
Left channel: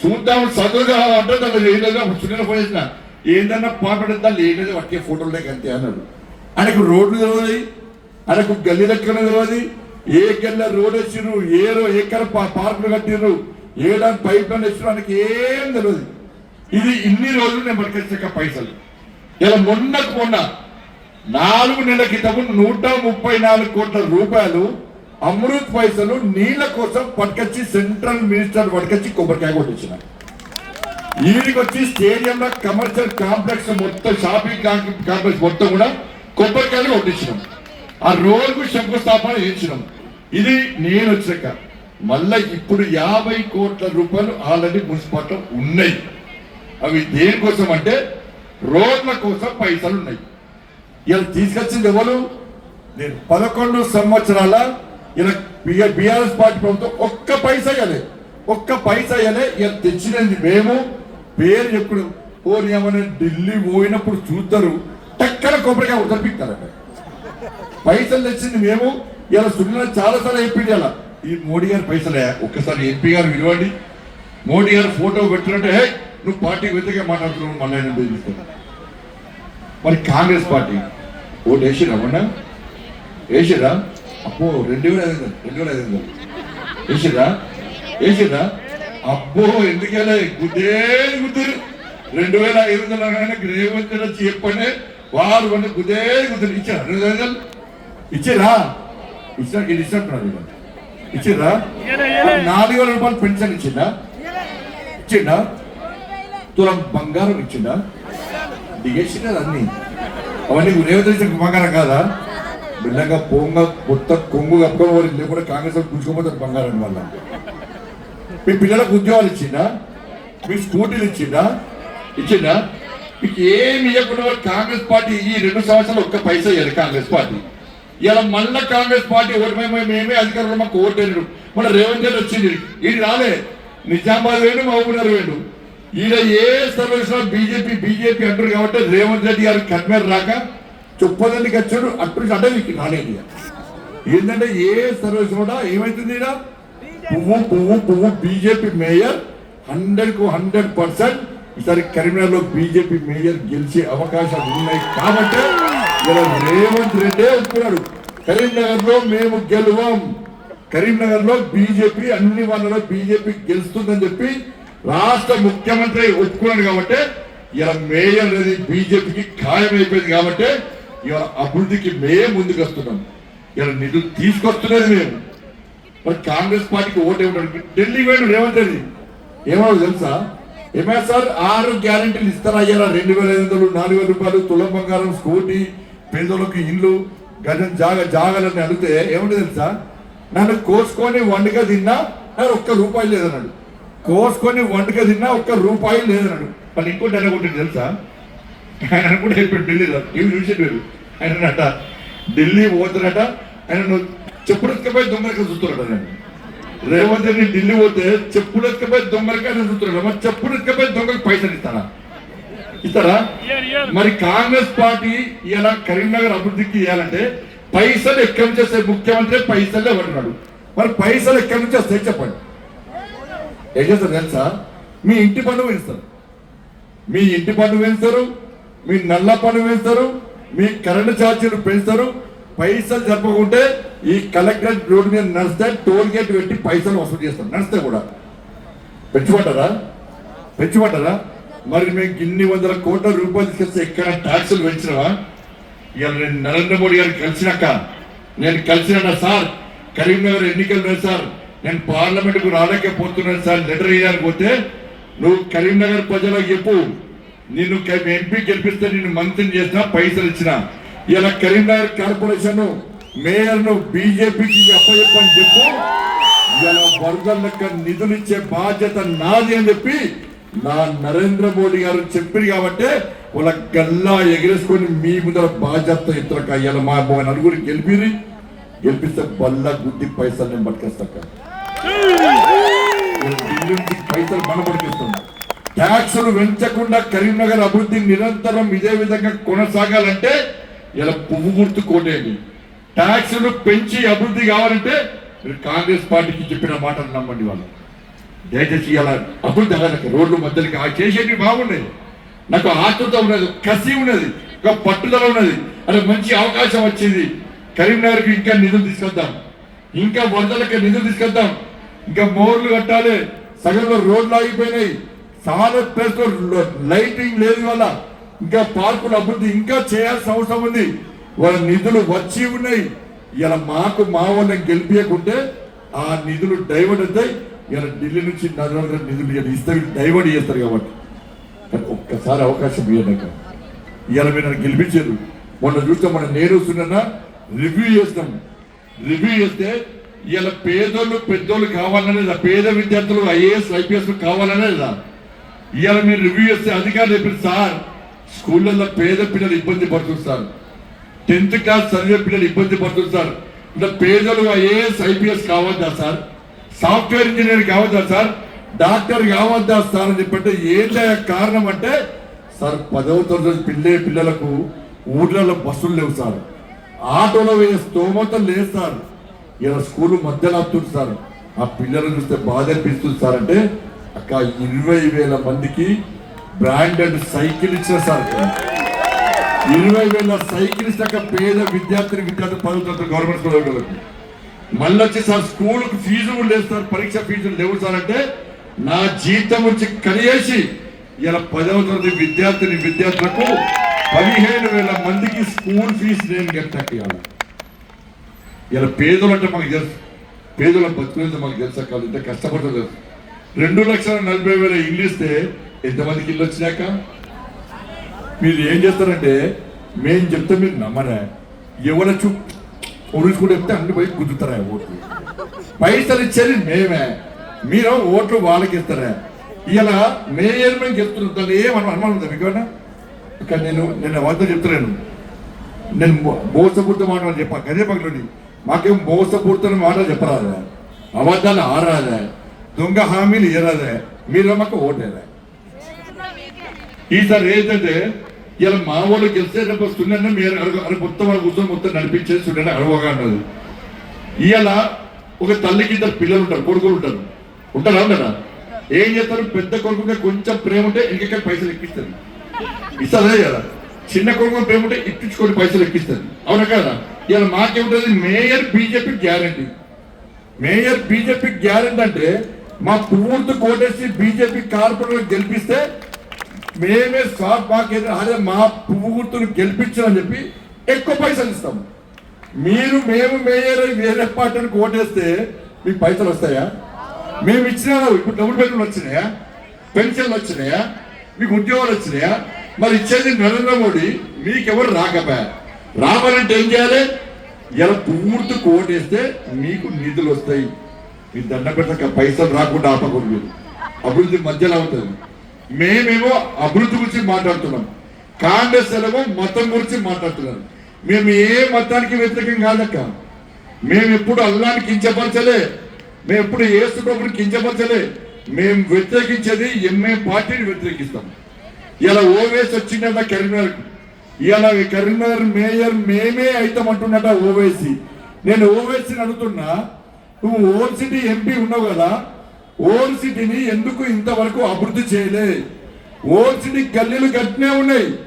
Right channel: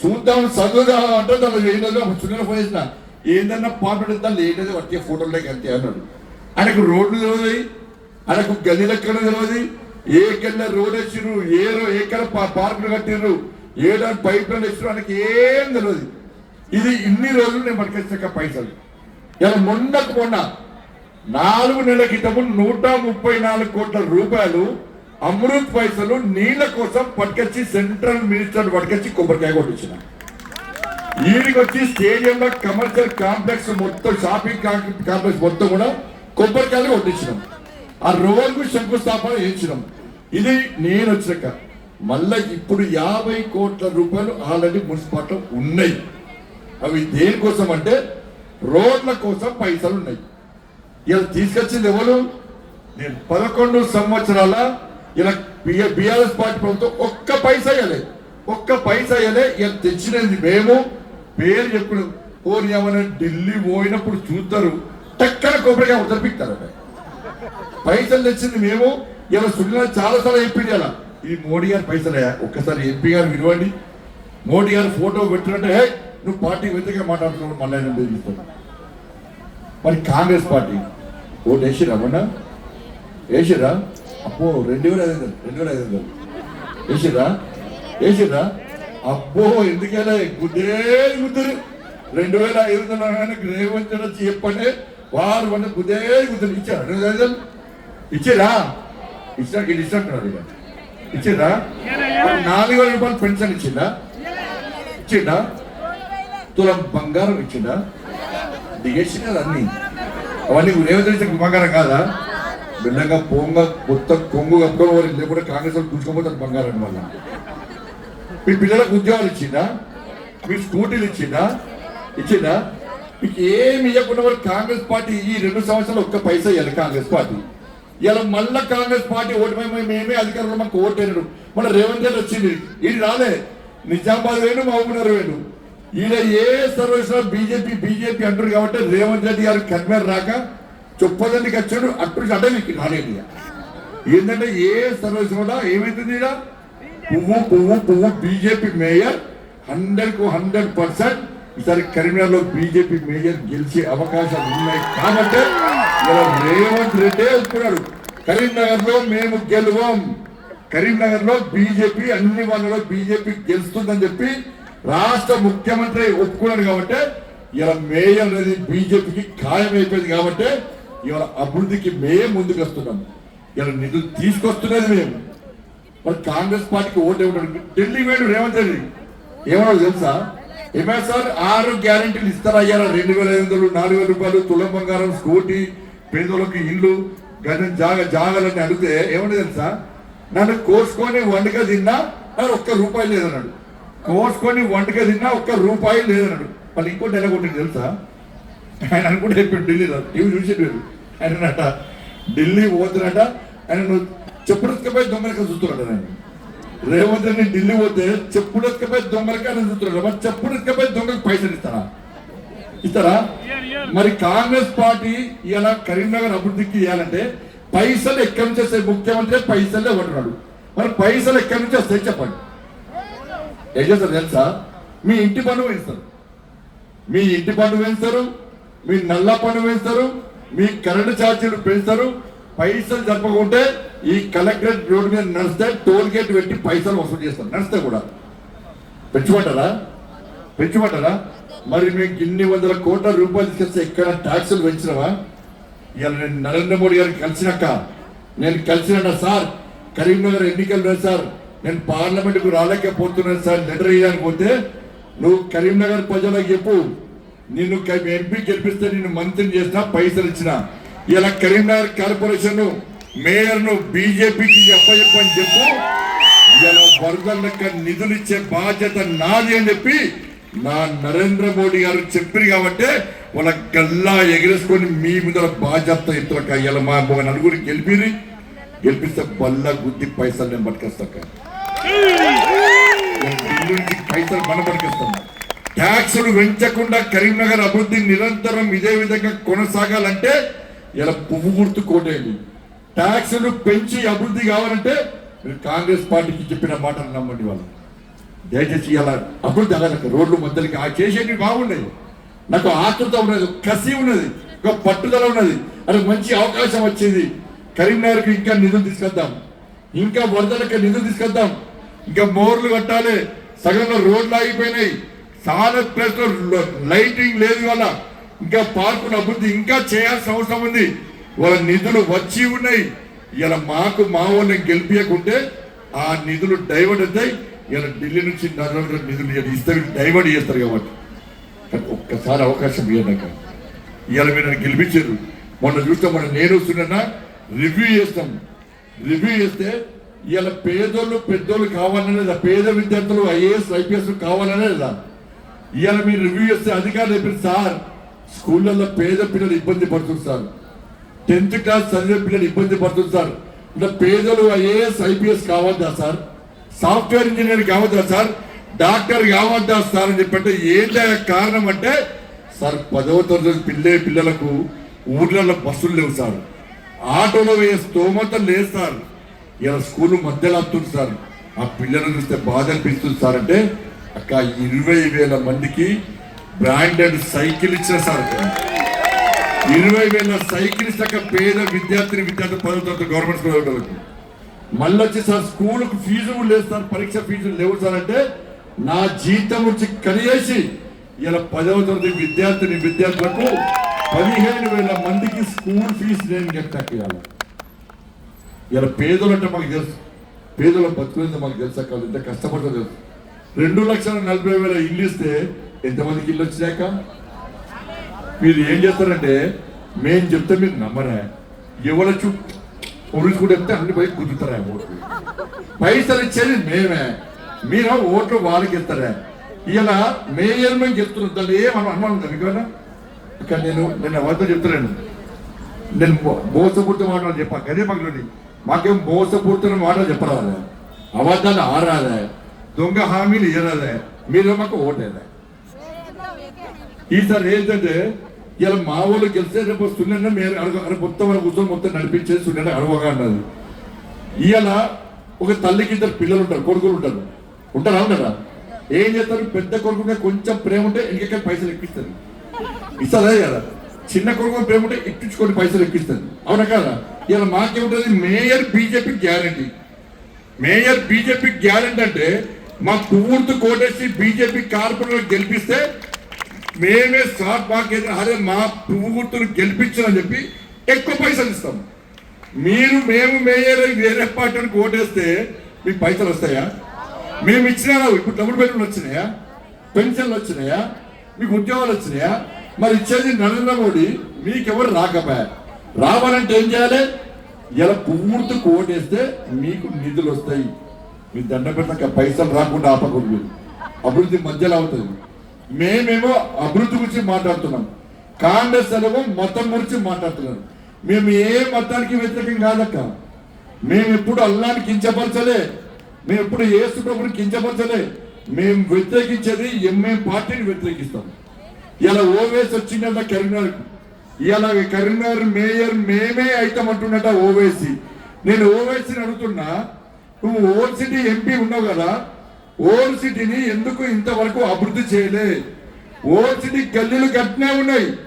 S1: చూద్దాం చదువుగా అంటే దాంట్లో లేదని ఒక పోయేసిన ఫోన్ చేసిన. ఏందన్నా పాట దాన్ని లేనేది వచ్చే ఫోటోలే అంతే అన్నాడు. ఆయనకు రోడ్లు తెలియదు ఆయనకు గది లెక్కలు తెలియదు ఏ కన్నా రోడ్ వేసిర్రు ఏ ఏ ఎక్కడ పార్కులు కట్టిర్రు. ఏ దాని పైప్ లైన్ వేసిర్రు ఏం తెలియదు ఇది ఇన్ని రోజులు నేను పట్టుకొచ్చాక పైసలు. ఇలా మొన్నకు మొన్న నాలుగు నెలల క్రితము నూట ముప్పై నాలుగు కోట్ల రూపాయలు అమృత్ పైసలు నీళ్ళ కోసం పట్టుకొచ్చి సెంట్రల్ మినిస్టర్ పట్టుకొచ్చి కొబ్బరికాయ కొట్టించిన. ఈయనకి వచ్చి స్టేడియంలో కమర్షియల్ కాంప్లెక్స్ మొత్తం షాపింగ్ కాంప్లెక్స్ మొత్తం కూడా కొబ్బరికాయలు కొట్టించినాం. ఆ రోజుకు శంకుస్థాపన చేయించినాం ఇది నేను వచ్చినాక. మళ్ళీ ఇప్పుడు యాభై కోట్ల రూపాయలు ఆల్రెడీ మున్సిపాలిటీ ఉన్నాయి. అవి దేనికోసం అంటే రోడ్ల కోసం పైసలు ఉన్నాయి. ఇలా తీసుకొచ్చింది ఎవరు? నేను పదకొండు సంవత్సరాల ఇలా బీఆర్ఎస్ పార్టీ ప్రభుత్వం ఒక్క పైసా ఇవ్వలేదు ఒక్క పైసా ఇవ్వలే. ఇలా తెచ్చినది మేము. పేరు ఎప్పుడు పోనీ ఏమన్నా ఢిల్లీ పోయినప్పుడు చూస్తారు. టక్కన కొబ్బరిగా ఉతపిస్తారట పైసలు తెచ్చింది మేము. ఇలా సునీల చాలా సార్లు ఇలా. ఇది మోడీ గారి పైసలే. ఒక్కసారి ఎంపీ గారు విలువండి. మోడీ గారు ఫోటో పెట్టినట్టే "హే, నువ్వు పార్టీ వ్యతిరేకంగా మాట్లాడుతున్నావు మళ్ళీ ఆయన మరి కాంగ్రెస్ పార్టీ ఓటు వేసిరా మొన్న? వేసిరా? అబ్బో రెండు వేల ఐదు వందలు రెండు వేల ఐదు వందలు. వేసిరా? వేసిరా? అబ్బో ఎందుకెలా గుద్దే గుద్దురు రెండు వేల ఐదు వందల అనగానే రేవంత్ రెడ్డి వచ్చి చెప్పండి. వారు మన గుద్దే గుద్దురు ఇచ్చారు? రెండు వేల ఐదు వందలు? ఇచ్చిరా? ఇచ్చా ఇది ఇచ్చినట్టున్నారు ఇచ్చిందా? నాలుగు వేల రూపాయలు పెన్షన్ ఇచ్చిందా? ఇచ్చిందా? తులం బంగారం ఇచ్చిందా? దిగేసినారు అన్ని. అవన్నీ రేవంత్ బంగారం కాదా? బిల్లంగా పోంగ మొత్తం కొంగు కప్పుకోవాలి లేకుండా కాంగ్రెస్ వాళ్ళు గుంజుకోపోతారు బంగారం వల్ల మీ పిల్లలకు ఉద్యోగాలు ఇచ్చిందా? మీ స్కూటీలు ఇచ్చిందా? ఇచ్చిందా? మీకు ఏమి ఇవ్వకుండా కాంగ్రెస్ పార్టీ ఈ రెండు సంవత్సరాలు ఒక్క పైసా ఇవ్వాలి కాంగ్రెస్ పార్టీ. ఇలా మళ్ళా కాంగ్రెస్ పార్టీ ఓటు మేమే అధికారంలో మాకు ఓటేనడు మన రేవంత్ రెడ్డి వచ్చింది. ఇది రాలే. నిజామాబాద్ వేడు మహబూబ్నగర్ వేడు ఈడ ఏ సర్వీస్లో బీజేపీ బీజేపీ అంటారు కాబట్టి రేవంత్ రెడ్డి గారు కన్వేర్ రాక చొప్పదండికి వచ్చాడు అటు అంటే మీకు రాలేదు ఇక. ఏంటంటే ఏ సర్వీస్ కూడా ఏమైతుంది ఇలా పువ్వు పువ్వు పువ్వు బీజేపీ మేయర్ హండ్రెడ్కు హండ్రెడ్ పర్సెంట్ ఈసారి కరీంనగర్లో బీజేపీ మేయర్ గెలిచే అవకాశాలు ఉన్నాయి కాబట్టి ఇలా రేవంత్ రెడ్డి ఒప్పుకున్నాడు కరీంనగర్లో మేము గెలువం. కరీంనగర్లో బీజేపీ అన్ని వాళ్ళలో బీజేపీ గెలుస్తుందని చెప్పి రాష్ట్ర ముఖ్యమంత్రి ఒప్పుకున్నాడు కాబట్టి ఇలా మేయర్ అనేది బీజేపీకి ఖాయమైపోయింది కాబట్టి ఇవాళ అభివృద్ధికి మేము ముందుకు వస్తున్నాం ఇలా నిధులు తీసుకొస్తున్నది మేము. మరి కాంగ్రెస్ పార్టీకి ఓటు ఇవ్వడానికి ఢిల్లీ వేడు రేవంత్ రెడ్డి. ఏమో తెలుసా? ఏమైనా సార్ ఆరు గ్యారంటీలు ఇస్తారా? అయ్యారా రెండు వేల ఐదు వందలు నాలుగు వేల రూపాయలు తులం బంగారం స్కూటీ పేదోళ్ళకి ఇల్లు గజం జాగ జాగాలని అడిగితే ఏమంటే తెలుసా? నన్ను కోసుకొని వండుక తిన్నా నాకు ఒక్క రూపాయి లేదన్నాడు. కోసుకొని వండుక తిన్నా ఒక్క రూపాయి లేదన్నాడు. వాళ్ళు ఇంకోటి ఎలా తెలుసా? ఆయన అనుకుంటే చెప్పాడు ఢిల్లీలో టీవీ చూసేటప్పుడు ఆయన ఢిల్లీ పోతున్నట ఆయన నువ్వు చెప్పుడు దొంగలకి చూస్తున్నాడు నేను రేవంత్ ఢిల్లీ పోతే చెప్పుడు ఎత్తుకపోయి దొంగలకి చూస్తున్నాడు మరి చెప్పుడు దొంగలకు పైసలు ఇస్తారా? ఇస్తారా మరి కాంగ్రెస్ పార్టీ ఇలా కరీంనగర్ అభివృద్ధికి ఇవ్వాలంటే పైసలు ఎక్కడి నుంచి వస్తాయి? ముఖ్యమంత్రి పైసలే పడుతున్నాడు మరి పైసలు ఎక్కడి నుంచి వస్తాయి చెప్పండి. ఏం చేస్తారు తెలుసా? మీ ఇంటి పన్ను వేస్తారు. మీ ఇంటి పన్ను పెంచుతారు మీ నల్ల పన్ను పెంచుతారు మీ కరెంటు ఛార్జీలు పెంచుతారు. పైసలు చెప్పకుంటే ఈ కలెక్టరేట్ రోడ్డు మీద నడిస్తే టోల్ గేట్ పెట్టి పైసలు వసూలు చేస్తారు. నడిస్తే కూడా. పెంచుకుంటారా? పెంచుకుంటారా? మరి మీకు ఇన్ని వందల కోట్ల రూపాయలు తీసుకొస్తే ఎక్కడ ట్యాక్సులు పెంచినవా? ఇవాళ నేను నరేంద్ర మోడీ గారిని కలిసినాక నేను కలిసిన సార్? కరీంనగర్ ఎన్నికలు సార్. నేను పార్లమెంట్కు రాలేకపోతున్నాను సార్. లెటర్ ఇవ్వడానికి పోతే నువ్వు కరీంనగర్ ప్రజలకు చెప్పు. నిన్ను ఎంపీ గెలిపిస్తే నిన్ను మంత్రిని చేసిన పైసలు ఇచ్చిన. ఇలా కరీంనగర్ కార్పొరేషన్ మేయర్ను బీజేపీకి అప్పచెప్పని చెప్పు. ఇలా వరదల లెక్క నిధులు ఇచ్చే బాధ్యత నాది అని చెప్పి నా నరేంద్ర మోడీ గారు చెప్పారు కాబట్టి వాళ్ళ గల్లా ఎగరేసుకొని మీ ముందర బాధ్యత ఇతరక ఇలా మా నలుగురు గెలిపిరి గెలిపిస్తే బల్ల గుద్ది పైసలు నేను పట్టుకొస్తాక నుంచి పైసలు మన పట్టుకొస్తాం ట్యాక్సులు పెంచకుండా కరీంనగర్ అభివృద్ధి నిరంతరం ఇదే విధంగా కొనసాగాలంటే ఇలా పువ్వు గుర్తు కోటేయండి. ట్యాక్సులు పెంచి అభివృద్ధి కావాలంటే మీరు కాంగ్రెస్ పార్టీకి చెప్పిన మాటలు నమ్మండి వాళ్ళు. దయచేసి ఇలా అభివృద్ధి అలాగే రోడ్లు మధ్యలోకి ఆ చేసేటివి బాగున్నాయి. నాకు ఆతృత ఉన్నది కసి ఉన్నది ఒక పట్టుదల ఉన్నది. అది మంచి అవకాశం వచ్చేది. కరీంనగర్కి ఇంకా నిధులు తీసుకొద్దాం. ఇంకా వందలకి నిధులు తీసుకొద్దాం. ఇంకా మోర్లు కట్టాలి. సగంలో రోడ్లు ఆగిపోయినాయి. చాలా ప్లేస్ లైటింగ్ లేదు వల్ల ఇంకా పార్కుల అభివృద్ధి ఇంకా చేయాల్సిన అవసరం ఉంది. వాళ్ళ నిధులు వచ్చి ఉన్నాయి. ఇలా మాకు మా వాళ్ళని గెలిపించకుంటే ఆ నిధులు డైవర్ట్ అవుతాయి. ఇలా ఢిల్లీ నుంచి నరేంద్ర నిధులు ఇస్తే డైవర్ట్ చేస్తారు కాబట్టి. ఒక్కసారి అవకాశం ఇవ్వడాక ఇవాళ మీరు నన్ను గెలిపించారు. మొన్న చూస్తే మొన్న నేను వస్తున్నా రివ్యూ చేస్తాం. రివ్యూ చేస్తే ఇవాళ పేదోళ్ళు పెద్దోళ్ళు కావాలనేది పేద విద్యార్థులు ఐఏఎస్ ఐపీఎస్ కావాలనేదా ఇవాళ మీరు రివ్యూ చేస్తే అధికారులు చెప్పారు సార్ స్కూళ్ళల్లో పేద పిల్లలు ఇబ్బంది పడుతుంది సార్. టెన్త్ క్లాస్ చదివే పిల్లలు ఇబ్బంది పడుతుంది సార్. ఇట్లా పేదలు ఐఏఎస్ ఐపీఎస్ కావద్దా సార్? సాఫ్ట్వేర్ ఇంజనీర్ కావద్దా సార్? డాక్టర్ కావద్దా సార్ అని చెప్పంటే ఏంటి కారణం అంటే సార్ పదవ తరగతి పిల్లే పిల్లలకు ఊర్లలో బస్సులు లేవు సార్. ఆటోలో వేసే స్తోమత లేదు సార్. ఇలా స్కూల్ మధ్యలో ఆపుతుంది సార్. ఆ పిల్లలను చూస్తే బాధ అనిపిస్తుంది సార్ అంటే అక్క ఇరవై వేల మందికి బ్రాండెడ్ సైకిల్ ఇచ్చిన సార్ ఇరవై వేల సైకిల్ ఇస్తాక పేద విద్యార్థిని విద్యార్థులు పదవ తరగతి గవర్నమెంట్ స్కూల్ వాళ్ళకి మళ్ళీ వచ్చి సార్ స్కూల్కి ఫీజు కూడా లేదు సార్ పరీక్ష ఫీజులు లేవు సార్ అంటే నా జీతం వచ్చి కలిగేసి ఇలా పదవ తరగతి విద్యార్థిని విద్యార్థులకు పదిహేను వేల మందికి స్కూల్ ఫీజు నేను కట్టాలి ఇలా పేదలు అంటే మనకు తెలుసు. పేదల బతుకులతో మనకు తెలుసా కాదు ఎంత కష్టపడుతుంది తెలుసు. రెండు లక్షల నలభై వేల ఇల్లు ఇస్తే ఎంతమందికి ఇల్లు వచ్చినాక? మీరు ఏం చేస్తారంటే మేము చెప్తే మీరు నమ్మరా? ఎవరి చూ పొరుగు అన్ని పోయి గుద్దుతారా ఓట్లు? పైసలు ఇచ్చేది మేమే. మీరు ఓట్లు వాళ్ళకి ఇస్తారా? ఇలా మేయర్ మేము చెప్తున్నాం. దాన్ని ఏమన్నా అనుమానం ఉందా మీకు ఏమన్నా? నేను నిన్న వాళ్ళతో చెప్తున్నాను. నేను మో- మోసపూరిత మాటలు చెప్పా. అదే పక్కలోని మాకేం మోసపూరిత మాటలు చెప్పరాదా. అబద్ధాలు ఆరాదా. దొంగ హామీలు ఇయ్యరాదా. మీరు మాకు ఓట్లేదా ఈసారి ఏంటంటే ఇలా మా వాళ్ళు గెలిస్తే రేపు వస్తుండే మీరు అడుగు మొత్తం వాళ్ళ కూర్చొని మొత్తం నడిపించేసి ఉండే అడవగా అన్నది ఇవాళ ఒక తల్లికి ఇద్దరు పిల్లలు ఉంటారు కొడుకులు ఉంటారు. ఉంటారా కదా ఏం చేస్తారు? పెద్ద కొడుకుగా కొంచెం ప్రేమ ఉంటే ఇంకెక్కడ పైసలు ఎక్కిస్తుంది ఇస్తుందా కదా చిన్న కొడుకు ప్రేమ ఉంటే ఇప్పించుకొని పైసలు ఎక్కిస్తుంది అవునా కదా? ఇలా మాకేముంటుంది? Mayor BJP guarantee. Mayor BJP guarantee అంటే మా పూర్తి కోటేసి బీజేపీ కార్పొరేటర్ గెలిపిస్తే మేమే స్టాక్ మార్కెట్ అరే మా పువ్వు గుర్తును గెలిపించామని చెప్పి ఎక్కువ పైసలు ఇస్తాం. మీరు మేము మేయర్ వేరే పార్టీకి ఓటేస్తే మీకు పైసలు వస్తాయా? మేము ఇచ్చినా ఇప్పుడు డబుల్ బెడ్రూమ్లు వచ్చినాయా? పెన్షన్లు వచ్చినాయా? మీకు ఉద్యోగాలు వచ్చినాయా? మరి ఇచ్చేది నరేంద్ర మోడీ మీకెవరు రాకపోయా? రావాలంటే ఏం చేయాలి? ఇలా పూర్తి కోటేస్తే మీకు నిధులు వస్తాయి. మీ దండ పెట్టక పైసలు రాకుండా ఆపకూడదు మీరు. అభివృద్ధి మధ్యలో అవుతుంది. మేమేమో అభివృద్ధి గురించి మాట్లాడుతున్నాం. కాంగ్రెస్ ఏమో మతం గురించి మాట్లాడుతున్నారు మేము ఏ మతానికి వ్యతిరేకం కాదక్క. మేము ఎప్పుడు అల్లాన్ని కించపరచలే. మేము ఎప్పుడు ఏసు ప్రభుని కించపరచలే. మేము వ్యతిరేకించేది ఎంఏ పార్టీని వ్యతిరేకిస్తాం. ఇలా ఓవేస్ వచ్చిందట కరీంనగర్ ఇలా కరీంనగర్ మేయర్ మేమే అవుతామంటున్నట ఓవేసి. నేను ఓవేసీని అడుగుతున్నా. నువ్వు ఓల్డ్ సిటీ ఎంపీ ఉన్నావు కదా. ఓల్డ్ సిటీని ఎందుకు ఇంతవరకు అభివృద్ధి చేయలే? ఓల్డ్ సిటీ గల్లీలు గట్టినే ఉన్నాయి.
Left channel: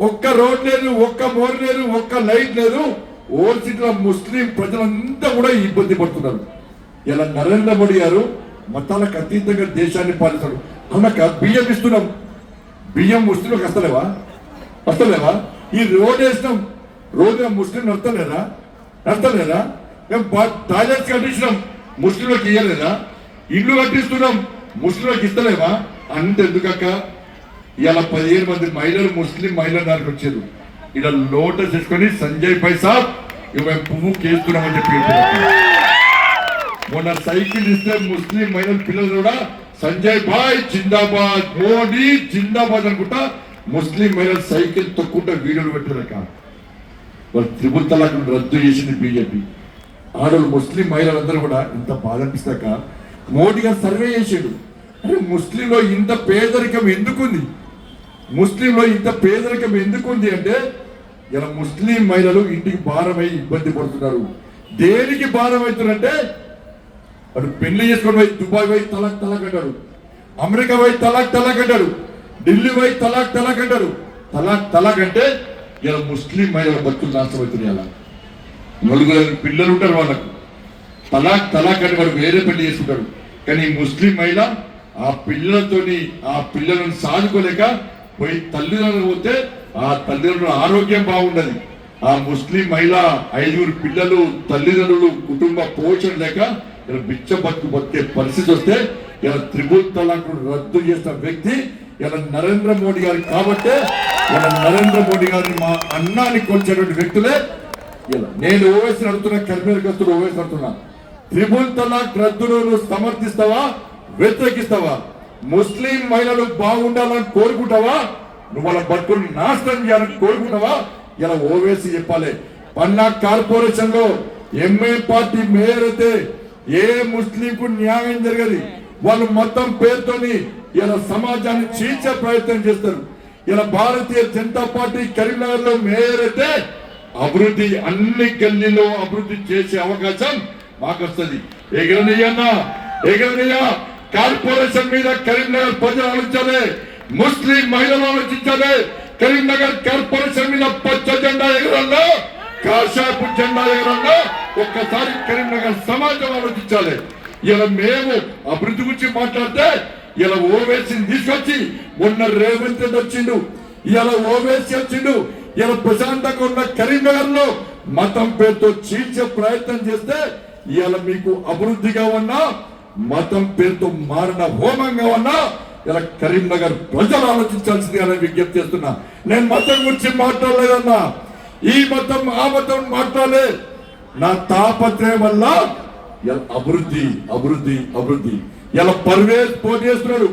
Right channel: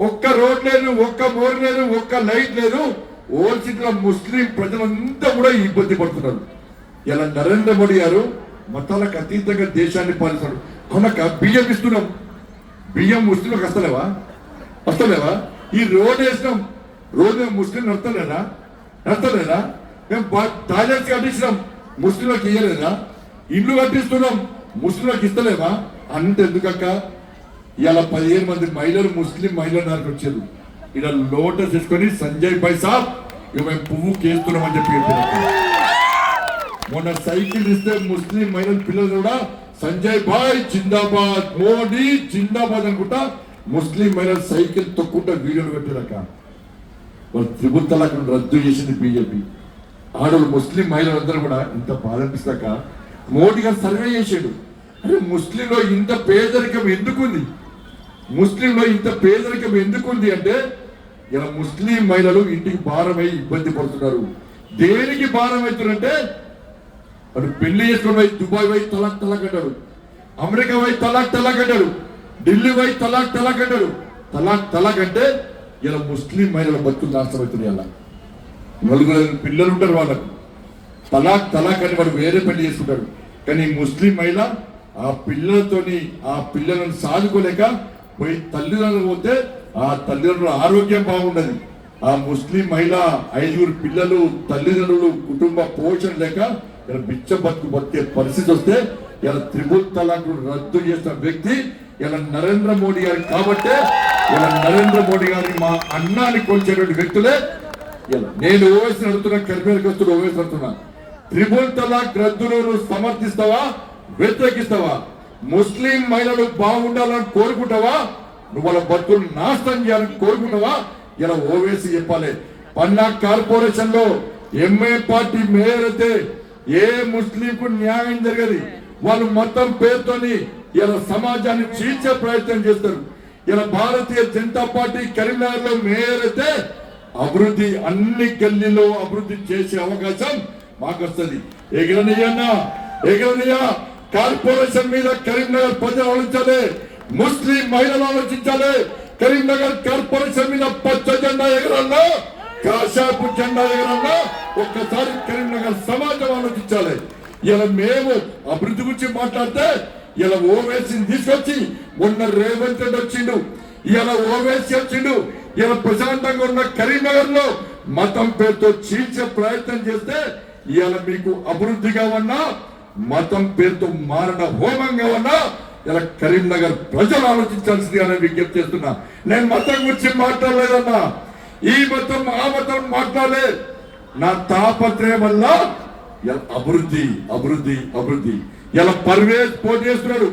S1: ఒక్క రోడ్ లేదు ఒక్క మోర్ లేదు ఒక్క లైట్ లేదు. ఓల్డ్ సిటీలో ముస్లిం ప్రజలంతా కూడా ఇబ్బంది పడుతున్నారు. ఇలా నరేంద్ర మోడీ గారు మతాలకు అతీతంగా దేశాన్ని పాలిస్తాడు. కనుక బియ్యం ఇస్తున్నాం. బియ్యం ముస్లింలకు వస్తలేవా? వస్తలేవా? ఈ రోడ్ వేసినాం. రోజు ముస్లిం నడతలేదా నడతలేదా మేము టాయిలెట్స్ కట్టించినాం. ముస్లింలకు ఇయ్యలేదా? ఇల్లు కట్టిస్తున్నాం. ముస్లింలకు ఇస్తలేవా అంత ఎందుకక్క ఇలా పదిహేను మంది మహిళలు ముస్లిం మహిళల దానికి వచ్చారు. ఇలా లోటస్ చేసుకొని సంజయ్ భాయ్ సాబ్ ఇక మేము పువ్వు కేస్తున్నామని చెప్పి మొన్న సైకిల్ ఇస్తే ముస్లిం మహిళల పిల్లలు కూడా సంజయ్ భాయ్ జిందాబాద్ మోడీ జిందాబాద్ అనుకుంటా ముస్లిం మహిళలు సైకిల్ తొక్కుంటా వీడియోలు పెట్టారక వాళ్ళు త్రిపుల్ తలాక్ రద్దు చేసింది బీజేపీ. ఆడవాళ్ళు ముస్లిం మహిళలందరూ కూడా ఇంత బాధ అనిపిస్తాక మోడీ గారు సర్వే చేసాడు. అరే ముస్లింలో ఇంత పేదరికం ఎందుకుంది? ముస్లింలో ఇంత పేదరికం ఎందుకుంది అంటే ఇలా ముస్లిం మహిళలు ఇంటికి భారమై ఇబ్బంది పడుతున్నారు. దేనికి భారం అవుతున్నారంటే వాడు పెళ్ళి చేసుకొని పోయి దుబాయ్ పోయి తలాక్ తలాక్ అంటాడు అమెరికా పోయి తలాక్ తలాక్ అంటాడు ఢిల్లీ పోయి తలాక్ తలాక్ అంటారు. తలాక్ తలాక్ అంటే ఇలా ముస్లిం మహిళల బతుకులు నాశనం అవుతున్నాయి అలా. నలుగురు పిల్లలు ఉంటారు వాళ్ళకు. తలాక్ తలాక్ అని వాడు వేరే పెళ్ళి చేసుకుంటాడు కానీ ముస్లిం మహిళ ఆ పిల్లలతోని ఆ పిల్లలను సాదుకోలేక పోయి తల్లిదండ్రులు పోతే ఆ తల్లిదండ్రుల ఆరోగ్యం బాగుండదు. ఆ ముస్లిం మహిళ ఐదుగురు పిల్లలు తల్లిదండ్రులు కుటుంబ పోషణ లేక ఇలా బిచ్చ బతుకు బతికే పరిస్థితి వస్తే ఇలా త్రిబుల్ తలాక్ రద్దు చేసిన వ్యక్తి ఇలా నరేంద్ర మోడీ గారు కాబట్టే ఇలా నరేంద్ర మోడీ గారిని మా అన్నాన్ని కొలిచేటువంటి వ్యక్తులే ఇలా. నేను ఓవేసి నడుతున్నా కరిమేరు గస్తుడు ఓవైసీ అడుగుతున్నా. త్రిబుల్ తలాక్ రద్దును నువ్వు సమర్థిస్తావా? వ్యతిరేకిస్తావా? ముస్లిం మహిళలు బాగుండాలని కోరుకుంటావా? నువ్వు వాళ్ళ బతుకుని నాశనం చేయాలని కోరుకుంటావా? ఇలా ఓవేసి చెప్పాలి. పన్నా కార్పొరేషన్లో ఎంఏ పార్టీ మేయర్ అయితే ఏ ముస్లింకు న్యాయం జరగదు. వాళ్ళు మొత్తం పేరుతోని ఇలా సమాజాన్ని చీల్చే ప్రయత్నం చేస్తారు. ఇలా భారతీయ జనతా పార్టీ కరీంనగర్లో మేయర్ అయితే అభివృద్ధి అన్ని గల్లీలో అభివృద్ధి చేసే అవకాశం మాకు వస్తుంది ఎగరనయ్యన్నా ఎగరనయ్య. కార్పొరేషన్ మీద కరీంనగర్ ప్రజలు ఆలోచించాలి. ముస్లిం మహిళలు ఆలోచించాలి. కరీంనగర్ కార్పొరేషన్ మీద పచ్చ జెండా ఎగరన్నా కాషాపు జెండా ఎగరన్నా ఒక్కసారి కరీంనగర్ సమాజం ఆలోచించాలి. ఇలా మేము అభివృద్ధి గురించి మాట్లాడితే ఇలా ఓవేసీని తీసుకొచ్చి మొన్న రేవంత్ రెడ్డి వచ్చిండు. ఇలా ఓవేసి వచ్చిండు. ఇలా ప్రశాంతంగా ఉన్న కరీంనగర్లో మతం పేరుతో చీల్చే ప్రయత్నం చేస్తే ఇవాళ మీకు అభివృద్ధిగా ఉన్నా మతం పేరుతో మారణ హోమంగా ఉన్నా ఇలా కరీంనగర్ ప్రజలు ఆలోచించాల్సింది అని విజ్ఞప్తి చేస్తున్నా. నేను మతం గురించి మాట్లాడలేదన్నా. ఈ మతం ఆ మతం మాట్లాడలే. నా తాపత్రయం వల్ల అభివృద్ధి అభివృద్ధి అభివృద్ధి. ఇలా పర్వేజ్ పోటీ చేస్తున్నాడు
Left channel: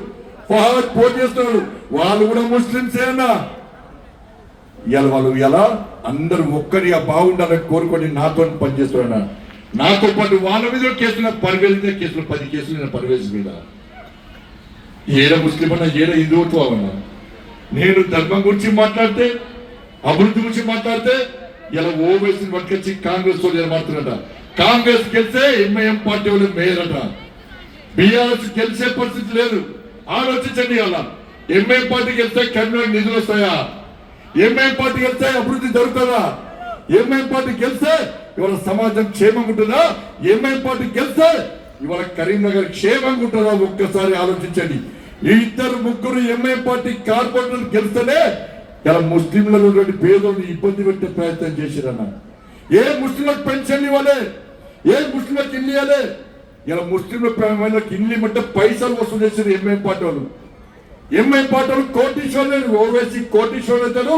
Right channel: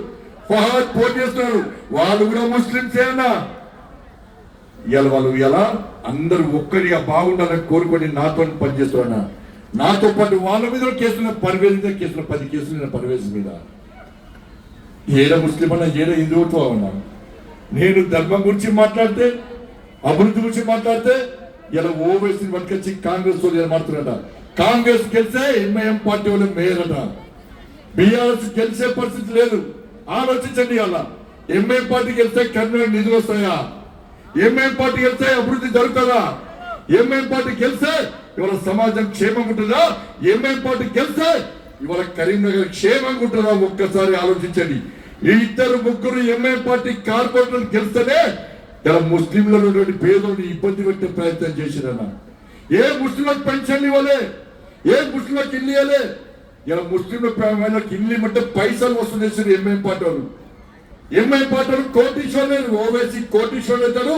S1: ఫహద్ పోటీ చేస్తున్నాడు. వాళ్ళు కూడా ముస్లింసే అన్నా. ఇలా వాళ్ళు ఎలా అందరూ ఒక్కరిగా బాగుండాలని కోరుకొని నాతో పనిచేస్తున్నా నాతో పాటు వాళ్ళ మీద కేసులు పదివేల మీద కేసులు పది కేసులు నేను పదివేల మీద. ఏడ ముస్లిం అన్నా ఏడ హిందువుతో అన్నా నేను ధర్మం గురించి మాట్లాడితే అభివృద్ధి గురించి మాట్లాడితే ఇలా ఓవైసీని పట్టుకొచ్చి కాంగ్రెస్ వాళ్ళు ఏమాడుతున్నారట కాంగ్రెస్ గెలిస్తే ఎంఐఎం పార్టీ వాళ్ళు మేయర్ అట. బీఆర్ఎస్ గెలిచే పరిస్థితి లేదు. ఆలోచించండి అలా ఎంఐఎం పార్టీ గెలిస్తే కర్నూలు నిధులు వస్తాయా? ఎంఐఎం పార్టీ గెలిస్తే అభివృద్ధి జరుగుతుందా? ఎంఐఎం పార్టీ గెలిస్తే ఇవాళ సమాజం క్షేమంగా ఉంటుందా ఎంఐఎం పార్టీ గెలిస్తే ఇవాళ కరీంనగర్ క్షేమంగా ఉంటుందా ఒక్కసారి ఆలోచించండి. ఈ ఇద్దరు ముగ్గురు ఎంఐ పార్టీ కార్పొరేటర్ గెలిస్తేనే ఇలా ముస్లింలలో ఉన్నటువంటి పేదోని ఇబ్బంది పెట్టే ప్రయత్నం చేసిరన్న. ఏ ముస్లింలకు పెన్షన్లు ఇవ్వలే? ఏ ముస్లింలకు ఇల్లు ఇవ్వలే? ఇలా ముస్లింల ఇల్లు ఇవ్వమంటే పైసలు వసూలు చేసిన ఎంఐ పార్టీ వాళ్ళు. ఎంఐ వాళ్ళు కోటీశ్వరులు ఓవైసీ కోటీశ్వరులు అవుతారు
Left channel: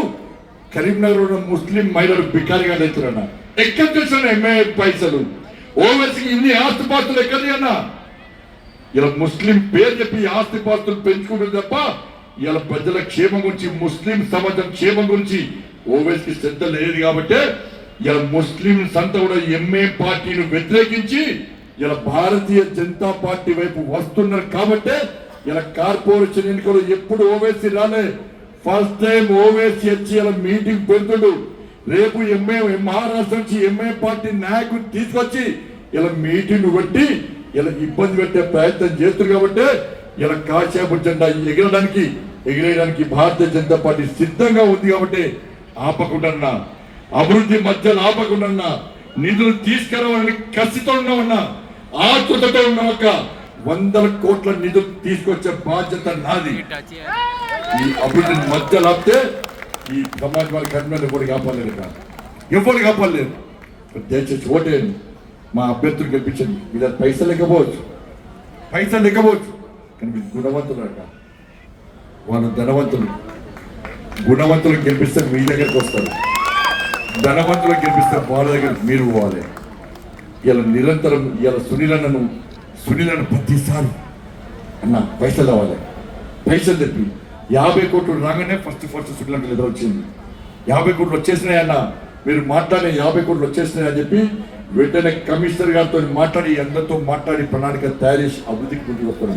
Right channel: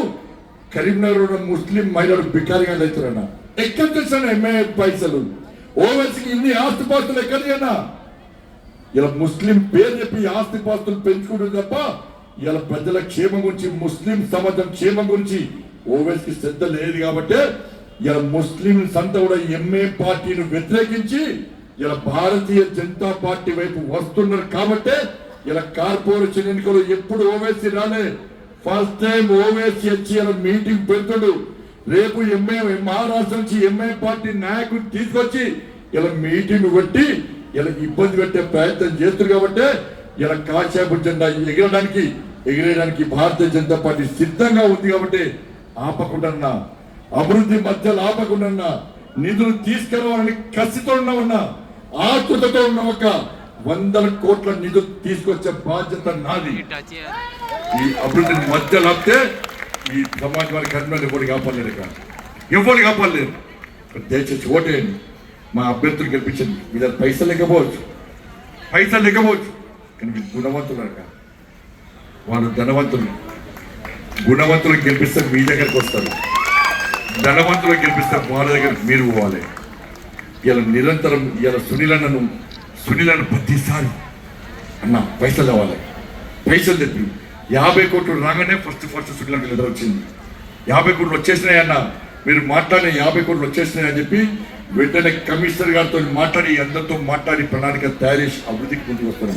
S1: కరీంనగర్ ఉన్న ముస్లిం మహిళలు బికారిగా అవుతారన్న ఎక్కడ చూసిన ఎంఏ పైసలు? ఓవేసికి ఇన్ని ఆస్తిపాస్తులు ఎక్కడ అన్నా? ఇలా ముస్లిం పేరు చెప్పి ఆస్తిపాస్తులు పెంచుకుంటుంది తప్ప ఇలా ప్రజల క్షేమం గురించి ముస్లిం సమాజం క్షేమం గురించి ఓవైసీకి శ్రద్ధ లేదు కాబట్టి ఇలా ముస్లిం సంత కూడా ఎంఏ పార్టీని వ్యతిరేకించి ఇలా భారతీయ జనతా పార్టీ వైపు వస్తున్నారు కాబట్టి ఇలా కార్పొరేషన్ ఎన్నికలు ఎప్పుడు ఓవైసీ రాలే. ఫస్ట్ టైం ఓవైసీ వచ్చి ఇలా మీటింగ్ పెడుతుడు. రేపు ఎంఏ మహారాష్ట్ర నుంచి ఎంఏ పార్టీ నాయకుని తీసుకొచ్చి ఇలా మీటింగ్ పెట్టి ఇలా ఇబ్బంది పెట్టే ప్రయత్నం చేస్తారు కాబట్టి ఇలా కాశాపు జెండా ఎగరడానికి ఎగిరేయడానికి భారతీయ జనతా పార్టీ సిద్ధంగా ఉంది కాబట్టి ఆపకుండా అభివృద్ధి మధ్యలో ఆపకుండా నిధులు తీసుకురావాలని కసితో ఉన్నామన్నా ఆతృతతో ఉన్న ఒక వందల కోట్ల నిధులు తీసుకొచ్చే బాధ్యత నాది. ఈ అభివృద్ధిని మధ్యలో ఆపితే ఈ సమాజానికి కన్నులు కూడా కాపాడలేరు ఇక్కడ? ఎవరు కాపాడలేరు దయచేసి ఓటేయండి. మా అభ్యర్థులు గెలిపించండి. మీ దగ్గర పైసలు లేకపోవచ్చు. పైసలు లేకపోవచ్చు. కానీ మీరు గుణవంతులు అడగ వాళ్ళు ధనవంతులు. గుణవంతులు గెలిపిస్తే మీ దగ్గరకు వస్తారు. ధనవంతులు గెలిపిస్తే వాళ్ళ దగ్గర మీరు పోవాలి. ఇలా నిరంతరం ఇలా సునీలన్నను సునీలను ప్రతిసారి అన్న పైసలు కావాలి పైసలు తెప్పింది యాభై కోట్లు రాగానే ఫస్ట్ ఫస్ట్ సునీలకు లెటర్ వచ్చింది. యాభై కోట్లు వచ్చేసినాయన్న మీరు మాట్లాడే యాభై కోట్లు వచ్చేసినాయి అని చెప్పి వెంటనే కమిషనర్ గారితో మాట్లాడి అందరితో మాట్లాడి ప్రణాళిక తయారు చేసి అభివృద్ధికి ముందుకు వస్తారు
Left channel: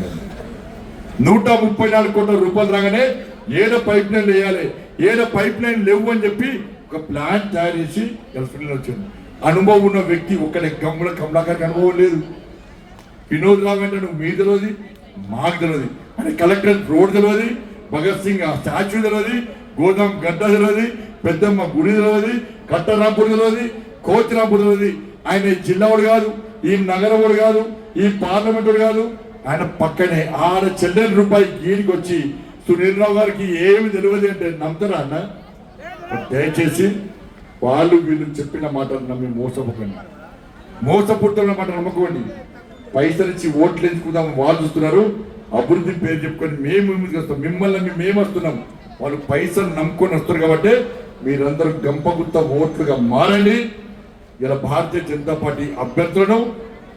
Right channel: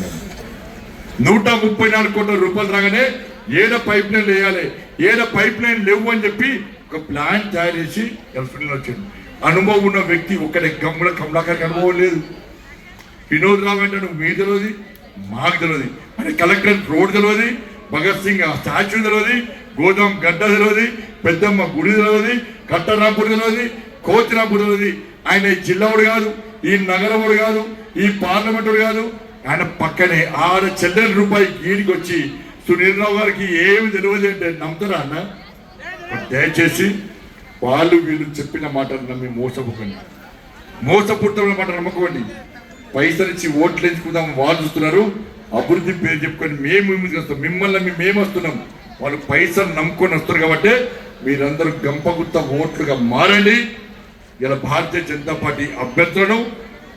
S1: నూట ముప్పై నాలుగు కోట్ల రూపాయలు రాగానే ఏదో పైప్ లైన్ వేయాలి ఏదో పైప్ లైన్ లేవు అని చెప్పి ఒక ప్లాన్ తయారు చేసి ఎలక్ట్రికల్ వచ్చింది అనుభవం ఉన్న వ్యక్తి ఒక్కడే గమ్ముల కమలాకారికి అనుభవం లేదు. వినోద్ రావు అంటే నువ్వు మీ తెలియదు మాకు తెలియదు. అంటే కలెక్టర్ రోడ్ తెలియదు భగత్ సింగ్ ఆ స్టాచ్యూ తెలియదు గోదాం గడ్డ తెలియదు పెద్దమ్మ గుడి తెలియదు కట్టరాంపూర్ తెలియదు కోచిరాంపూర్ తెలియదు ఆయన ఈ జిల్లావుడు కాదు ఈ నగరముడు కాదు ఈ పార్లమెంటుడు కాదు. ఆయన పక్కనే ఆరు చెల్లెని రూపాయి గీడికి వచ్చి సునీల్ రావు గారికి ఏమి తెలియదు అంటే నమ్ముతారా అన్న? దయచేసి వాళ్ళు వీళ్ళు చెప్పిన మాటలు నమ్మి మోసపోకండి. మోసపూరితమైన మాట నమ్ముకోండి. పైసలు ఇచ్చి ఓట్లు ఎంచుకుందాం వాళ్ళు చూస్తున్నారు. అభివృద్ధి పేరు చెప్పుకొని మేము ముందుకు వస్తాం. మిమ్మల్ని మేము వస్తున్నాం వాళ్ళు పైసలు నమ్ముకొని వస్తారు కాబట్టి మీరందరూ గంపగుత్త ఓట్లుగా మారండి. ఇలా భారతీయ జనతా పార్టీ అభ్యర్థులను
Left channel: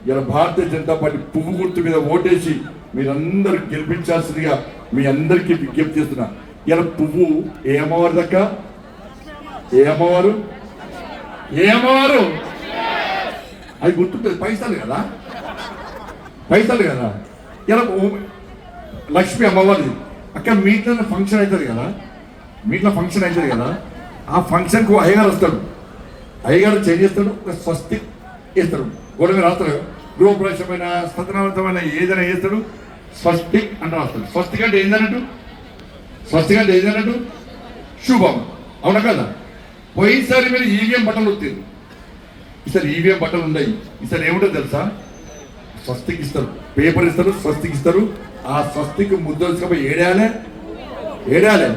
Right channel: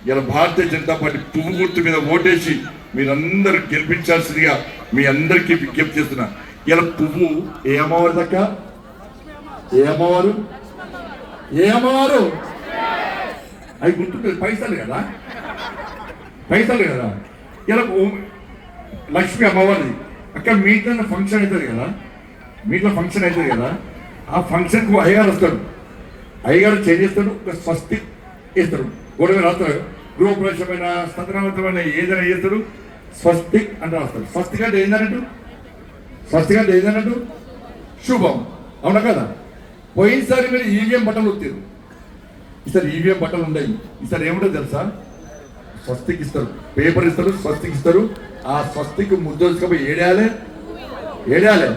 S1: ఇలా భారతీయ జనతా పార్టీ పువ్వు గుర్తు మీద ఓటేసి మీరందరూ గెలిపించాల్సిందిగా మీ అందరికీ విజ్ఞప్తి చేస్తున్నా. ఇలా పువ్వు ఏ అమ్మవారి దక్క ఏ అమ్మవారు? ఏ అమ్మవారు? అది గుర్తుంటుంది పైసలు కదా? పైసలు కదా? ఇలా ఓ- లక్ష్మి అమ్మవారిది. అక్కడ మీట్లో ఫంక్షన్ అవుతుంది కదా? మీట్లో ఫంక్షన్ అవుతుంది కదా? ఆ ఫంక్షన్కు అయ్యగారు వస్తాడు. అయ్యగారు చేంజ్ చేస్తాడు? ఒక స్వస్తి వేస్తాడు గొడవ రాస్తాడు. గృహప్రవేశమైన స్వతంత్రవంతమైన ఏదైనా చేస్తాడు. స్వస్తి అని రాస్తాడు. స్వస్తి అంటే ఏందన్నట్టు స్వస్తి అంటే ఏదన్నట్టు శుభం. అవునా కదా? పోయినసారి మీరు ఈవీఎం బట్టలు వచ్చారు ఈసారి ఈవీఎం బట్టలు ఉన్నాయి ఈసారి ఏముంటుంది తెలుసా? స్వస్తికి ఇస్తారు. పేపర్ ఇస్తారు స్వస్తికి ఇస్తారు. ఆ స్వస్తికి ముద్ద తీసుకపోయి ఏడాలే ఏడాలే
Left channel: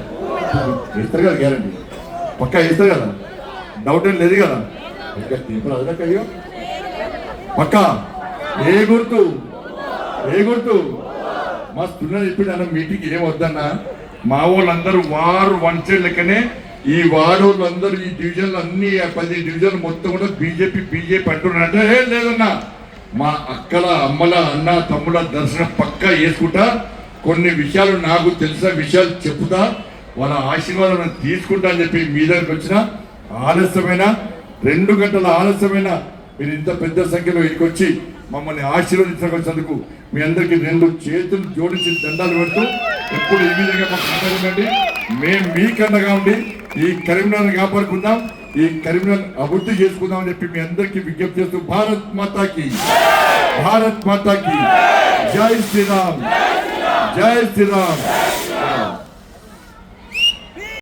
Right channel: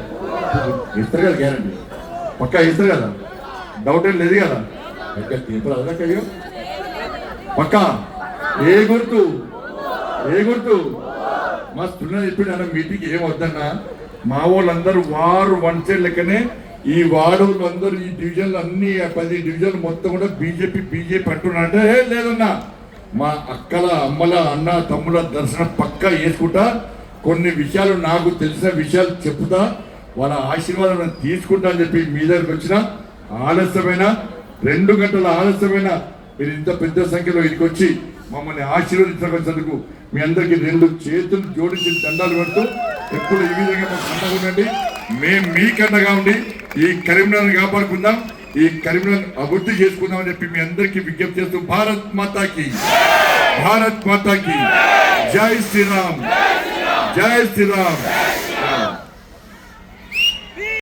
S1: ఇస్తారు కదా గ్యారంటీ. పక్కా ఇస్తారు కదా? డౌట్ ఏం లేదు కదా? తీర్పు తీర్పులు అయ్యో. పక్కా? ఏ గుర్తు? ఏ గుర్తు? మా స్టూడెంట్ చెప్పిండు అన్న మీటింగ్ ఏం వద్దన్నా? మా వాళ్ళందరూ వారు వన్ సైడ్ లెక్కనే ఈ వార్డు వాళ్ళందరూ ఈ డివిజన్లు అన్ని పది డివిజన్లు మొత్తం కూడా బీజేపీ బీజేపీ అంటున్నారంటే "ఏ, లేదన్నా మా అక్కల అమ్మల అన్న తమ్ముల దర్శనం పక్కా చేసుకుంటా కొన్ని విషయాలు నాకు తెలిసిన విషయాలు చెప్తా వాళ్ళ ఆశీర్వాదం తీసుకుంటా అని చెప్పి మీ దగ్గరకు వచ్చిన ఆలస్యమైన రెండు గంటల ఆలస్యమైన మీరు ఇంత పెద్ద సంఖ్యలో ఇక్కడికి వచ్చి మమ్మల్ని ఆశీర్వదించడానికి మీ అందరికీ రెండు చేతులు జోడించి దండాలు పెడుతూ ఎప్పుడు ఈ విధంగా మాకు అండగా ఉండండి. మేము మీకండగా ఉండి ఈ కరీంనగర్ కాపాడుకుందాం. ఈ కరీంనగర్ అభివృద్ధి చేసుకుందాం అని చెప్పి మీ అందరికీ విజ్ఞప్తి చేస్తూ భారత్ మాతాకి. భారత్ మాతాకి. జై శ్రీరామ్. జై శ్రీరామ్.